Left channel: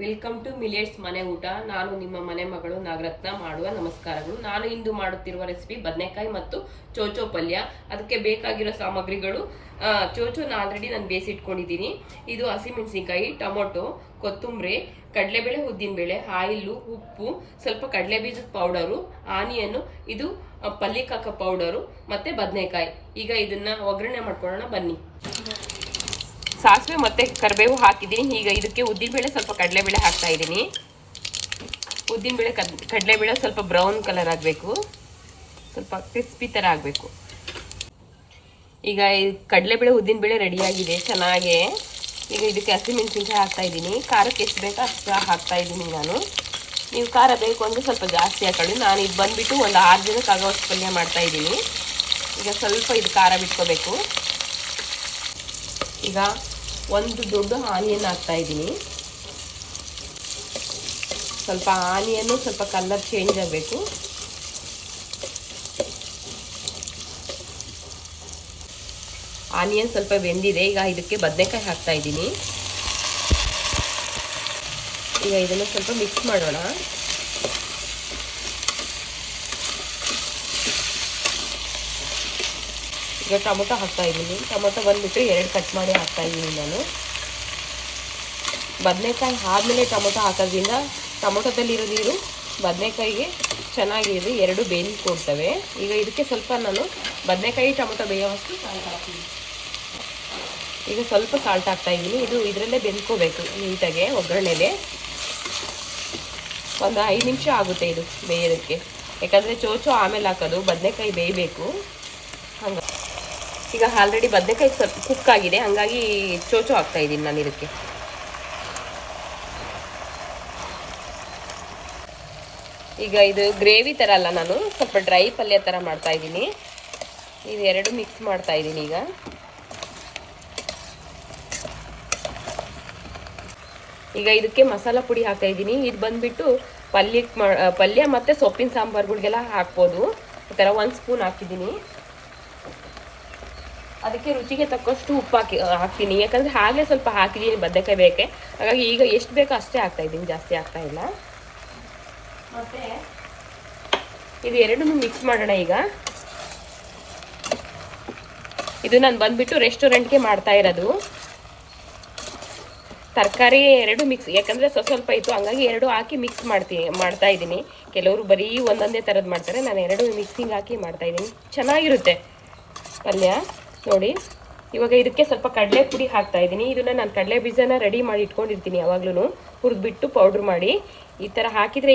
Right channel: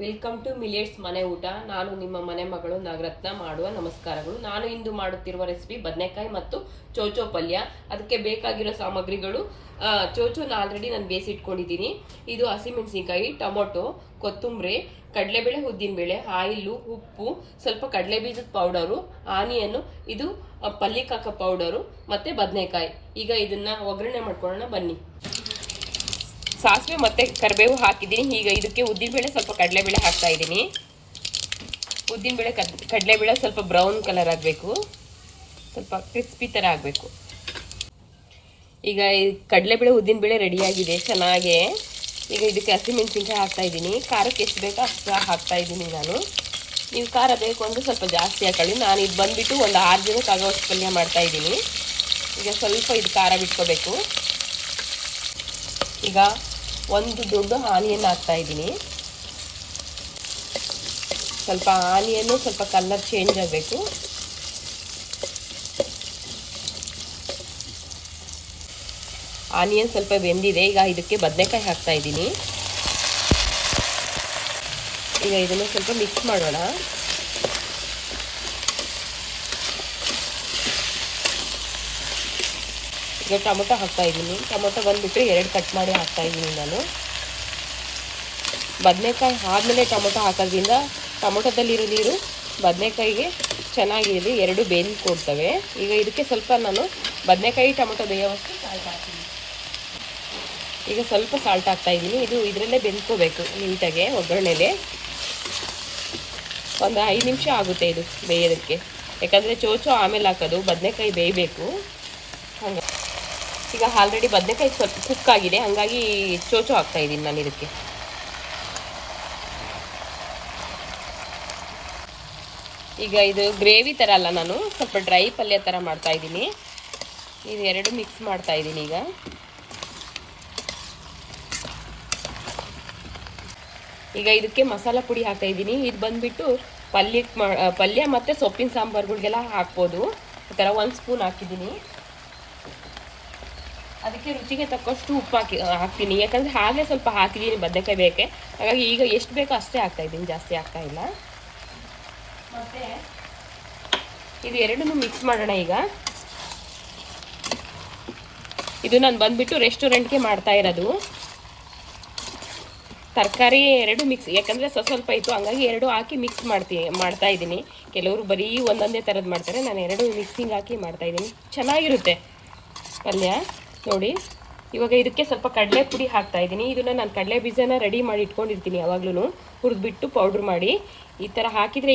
Welcome to millets ಮನೆ ಊಟ. ನಾನು ನಿಮ್ಮ ಮನೆ ಮಗಳು ನಾಗರತ್ನ ಮಾಡುವ ನಮಸ್ಕಾರಗಳು. ನಾನು ಇಂದು ಮಾಡುತ್ತಿರುವ ರೆಸಿಪಿ ಬದನೆಕಾಯಿ ಮತ್ತು ಚೌಚೌ ಪಲ್ಯ. ಅದಕ್ಕೆ ಬೇಕಾಗಿರೋ ಸಾಮಗ್ರಿಗಳು, ಚೌಚೌನ ಆಲ್ರೆಡಿ ನಾನು ಬೇಯಿಸಿಟ್ಕೊಂಡಿದ್ದೀನಿ. ಇದು ಹಸಿಮೆಣಸಿನಕಾಯಿ, ಟೊಮೊಟೊ, ಕೊತ್ತಂಬರಿ, ಕಡಲೆಬೇಳೆ, ಉದ್ದಿನಬೇಳೆ, ಆಯಿಲು, ಉಪ್ಪು, ಸ್ವಲ್ಪ ಕಡಲೆಬೀಜದ ಪೌಡರು, ಆನಿಯನ್ನು, ಇದು ಪಲ್ಯಕ್ಕೆ ಹಾಕೋ ಪೌಡರು ಮತ್ತೆ ಬದನೆಕಾಯಿ. ಈಗ ಇದನ್ನ ಒಗ್ಗರಣೆ ಮಾಡ್ಕೊಳ್ಳೋಣ ಬನ್ನಿ. ಸಾಸಿವೆ ಮತ್ತೆ ಕರಿಬೇವು ಹಾಕಿದ್ದೀನಿ. ಈಗ ಇದಕ್ಕೆ ಉದ್ದಿನಬೇಳೆ, ಸ್ವಲ್ಪ ಕಡಲೆಬೇಳೆ ಹಾಕ್ತಾ ಇದ್ದೀನಿ. ಉದ್ದಿನಬೇಳೆ ಕಡಲೆಬೇಳೆ ಸ್ವಲ್ಪ ಬ್ರೌನ್ ಕಲರ್ ಆಗಬೇಕು, ಸ್ವಲ್ಪ ಕ್ರಿಸ್ಪಿ ಥರ ಆಗಬೇಕು. ಈಗ ಕಡಲೆಬೇಳೆ ಉದ್ದಿನಬೇಳೆ ರೆಡಿಯಾಗಿದೆ ಚೆನ್ನಾಗಿ. ಈಗ ಇದಕ್ಕೆ ಹಸಿಮೆಣಸಿನಕಾಯಿ ಹಾಕ್ತಾ ಇದ್ದೀನಿ. ಖಾರಕ್ಕೆ ಎಷ್ಟು ಬೇಕೋ ಅಷ್ಟು ಹಾಕ್ತಾ ಇದ್ದೀನಿ ನಾನು. ನೀವು ಖಾರ ಬೇಕು ಅಂದರೆ ಸ್ವಲ್ಪ ಜಾಸ್ತಿ ಹಾಕೊಳ್ಳಿ. ನಾನು ಇದು ಬಂದುಬಿಟ್ಟು ಒಂದು 6 ದಿನಕ್ಕೆ ಆಗೋಷ್ಟು ಪಲ್ಯ ಮಾಡ್ತಾ ಇದ್ದೀನಿ. ಈಗ ಸ್ವಲ್ಪ ಇದು ಖಾರ ಬಿಟ್ಕೋಬೇಕು. ಈಗ ಒಂದು ದೊಡ್ಡ ಆನಿಯನ್ ಹಾಕ್ತಾ ಇದ್ದೀನಿ. ಸ್ವಲ್ಪ ಆನಿಯನ್ನು ಸ್ವಲ್ಪ ಕಲರ್ ಚೇಂಜ್ ಆಗಬೇಕು. ಆನಿಯನ್ ಸ್ವಲ್ಪ ಬೆಂದಿದೆ. ಈಗ ಇದಕ್ಕೆ ಬದನೆಕಾಯಿ ಹಾಕ್ತಾ ಇದ್ದೀನಿ. ಈಗ ಇದನ್ನು ಸ್ವಲ್ಪ ಮಿಕ್ಸ್ ಮಾಡೋಣ. ಈಗ ಟೊಮೊಟೊ ಹಾಕ್ತಾ ಇದ್ದೀನಿ. ಟೊಮೊಟೊ ಬಂದುಬಿಟ್ಟು 2 ಕಟ್ ಮಾಡಿ ಹಾಕ್ತಾ ಇದ್ದೀನಿ ನಾನು. ಬದನೆಕಾಯಿ ಆದಮೇಲೆ ಟೊಮೊಟೊ ಹಾಕೋದ್ರಿಂದ ಟೊಮೊಟೊದಲ್ಲಿರೋ ನೀರು ಬದನೆಕಾಯಿಗೆ ಚೆನ್ನಾಗಿರೋದು, 2 ಬೇಯ್ದು ಕೊಡ್ತವೆ. ಈಗ ಇದಕ್ಕೆ ಸ್ವಲ್ಪ ನಾನು ಬದನೆಕಾಯಿ ಟೊಮೊಟೊ ಬೇಯೋವಷ್ಟು ಸಾಲ್ಟ್ ಹಾಕ್ತೀನಿ. ಈಗ ಸ್ವಲ್ಪ ಸಾಲ್ಟ್ ಹಾಕ್ತಾ ಇದ್ದೀನಿ. ಇದು ಇದರಲ್ಲೇ ಬೆಂದ್ಕೋಬೇಕು ನೀಟಾಗೆ ಒಗ್ಗರಣೆಗೆ. ಒಂದು 5 ನಿಮಿಷ ಆಗುತ್ತೆ ಇದು ಬೇಯೋದಕ್ಕೆ. ಯಾಕಂದರೆ ಚೌಚೌ ಆಮೇಲೆ ಹಾಕೋದು, ಬದನೆಕಾಯಿ ಬೇಯಬೇಕು. ಹಾಗೆ ಈಗ ಆಲ್ರೆಡಿ ಬದನೆಕಾಯಿ ಸ್ವಲ್ಪ ಕುಕ್ ಆಗಿದೆ, ಹಾಗಾಗಿ ಚೌಚೌ ಹಾಕ್ತಾ ಇದ್ದೀನಿ ನಾನು ಇದಕ್ಕೆ. ಈಗ ಇದು ಗ್ರೇವಿ ಥರ ಅಲ್ಲ, ನಾನು ಸ್ವಲ್ಪ ಡ್ರೈ ಪಲ್ಯ ಥರ ಮಾಡ್ತಾ ಇದ್ದೀನಿ. ಇವೆರಡು ಮಿಕ್ಸ್ ಮಾಡ್ತಾ ಇದ್ದೀನಿ. ಈಗ ಇದಕ್ಕೆ ಮಸಾಲ ಪುಡಿ ಹಾಕ್ತಾ ಇದ್ದೀನಿ. ಇದು ಬಂದುಬಿಟ್ಟು ಪಲ್ಯ ಮತ್ತು ಸೊಪ್ಪಿನ ಸಾಂಬಾರುಗಳಿಗೆಲ್ಲ ಹಾಕ್ಬೋದು. ಈ ಥರ 1 ಸ್ಪೂನ್ ಹಾಕಿದ್ದೀನಿ. ಅದಕ್ಕೆ ರುಚಿಗೆ ತಕ್ಕಷ್ಟು ಉಪ್ಪು ಹಾಕ್ತೀನಿ. ಯಾಕಂದರೆ ಹಾಗೆ ಸ್ವಲ್ಪ ಹಾಕಿದ್ದೀನಿ ಬದನೆಕಾಯಿ ಬೇಕೆ, ಹಾಗಾಗಿ ಈಗ ಎಷ್ಟು ಬೇಕೋ ಅಷ್ಟೇ ಹಾಕ್ತಾಯಿದ್ದೀನಿ, ಜಾಸ್ತಿ ಆಗ್ತಾ ಇಲ್ಲ. ಮತ್ತು ಇದು ಎರಡನ್ನೂ ಮಿಕ್ಸ್ ಮಾಡೋಣ. ಈಗ ಇದು ನಾನು ಬಂದುಬಿಟ್ಟು ರೆಸ್ಟೋರೆಂಟ್ಗೆ ಮಾಡ್ತಾ ಇರೋದು. ತರಕಾರಿ 2 ಮಿಕ್ಸ್, ಯಾಕಂದರೆ ಸ್ವಲ್ಪ ಇತ್ತು, ಹಂಗಾಗಿ 2 ಹಾಕಿ ಮಿಕ್ಸ್ ಮಾಡ್ತಾ ಇದ್ದೀನಿ. ಕೆಲವರು ಬರೀ ಒಂದೊಂದೇ ಥರದ್ದು ಮಾಡ್ತಾರೆ, ನಾನು 2 ಮಿಕ್ಸಿಂಗ್ ಹಾಕಿ ಮಾಡ್ತಾಯಿದ್ದೀನಿ. ಚೆನ್ನಾಗಿರುತ್ತೆ ಪಲ್ಯ ನೋಡಿ. ಇವಾಗ ಇದಕ್ಕೆ ಸ್ವಲ್ಪ ಕಡಲೆ ಪುಡಿ ಹಾಕ್ತಾ ಇದ್ದೀನಿ. ಇದನ್ನು ನಾನು ಕಡಲೆ ಬೀಜನ ರೆಡಿ ಮಾಡಿ ಇಟ್ಕೊಂಡಿರ್ತೀನಿ ಯಾವಾಗಲೂ, ಹುರಿದ್ಬಿಟ್ಟು ಪೌಡ್ರ್ ಮಾಡಿ. ಈ ಥರ ಹಾಕಿದರೆ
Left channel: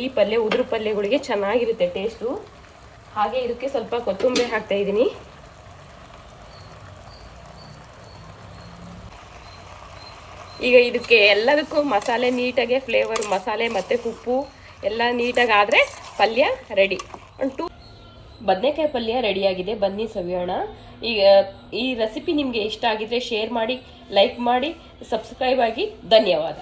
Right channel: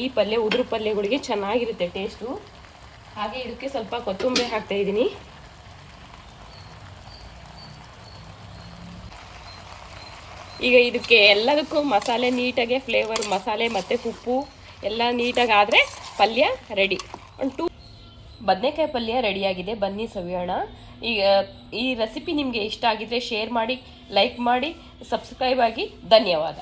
ಈ ಪಲ್ಯ ಉದುರು ಪಲ್ಯಗಳಿಗೆ ಚೆನ್ನಾಗಿರುತ್ತೆ ಟೇಸ್ಟು. ಹಾಗೆ ಇದಕ್ಕೆ ಸ್ವಲ್ಪ ಕೊತ್ತಂಬರಿ ಹಾಕ್ತಾ ಇದ್ದೀನಿ. ಈಗ ಇದಕ್ಕೆ ಎಲ್ಲದಕ್ಕೂ ಮಸಾಲೆ ನೀಟಾಗಿ ಫ್ಲೇವರ್, ಮಸಾಲೆ ಮತ್ತು ಉಪ್ಪು ಎಲ್ಲ ನೀಟಾಗಿ ಆದರೆ ಪಲ್ಯ ರೆಡಿ. ಬದನೆಕಾಯಿ ಪಲ್ಯ ರೆಡಿಯಾಗಿದೆ, ಬನ್ನಿ ಸವಿಯೋಣ. ಈಗ ಈ ರೆಸಿಪಿ ನಿಮಗೆ ಇಷ್ಟ ಆಗಿದ್ರೆ ಶೇರ್ ಮಾಡಿ, ಲೈಕ್ ಮಾಡಿ, ಸಬ್ಸ್ಕ್ರೈಬ್ ಆಗಿ. ಧನ್ಯವಾದ.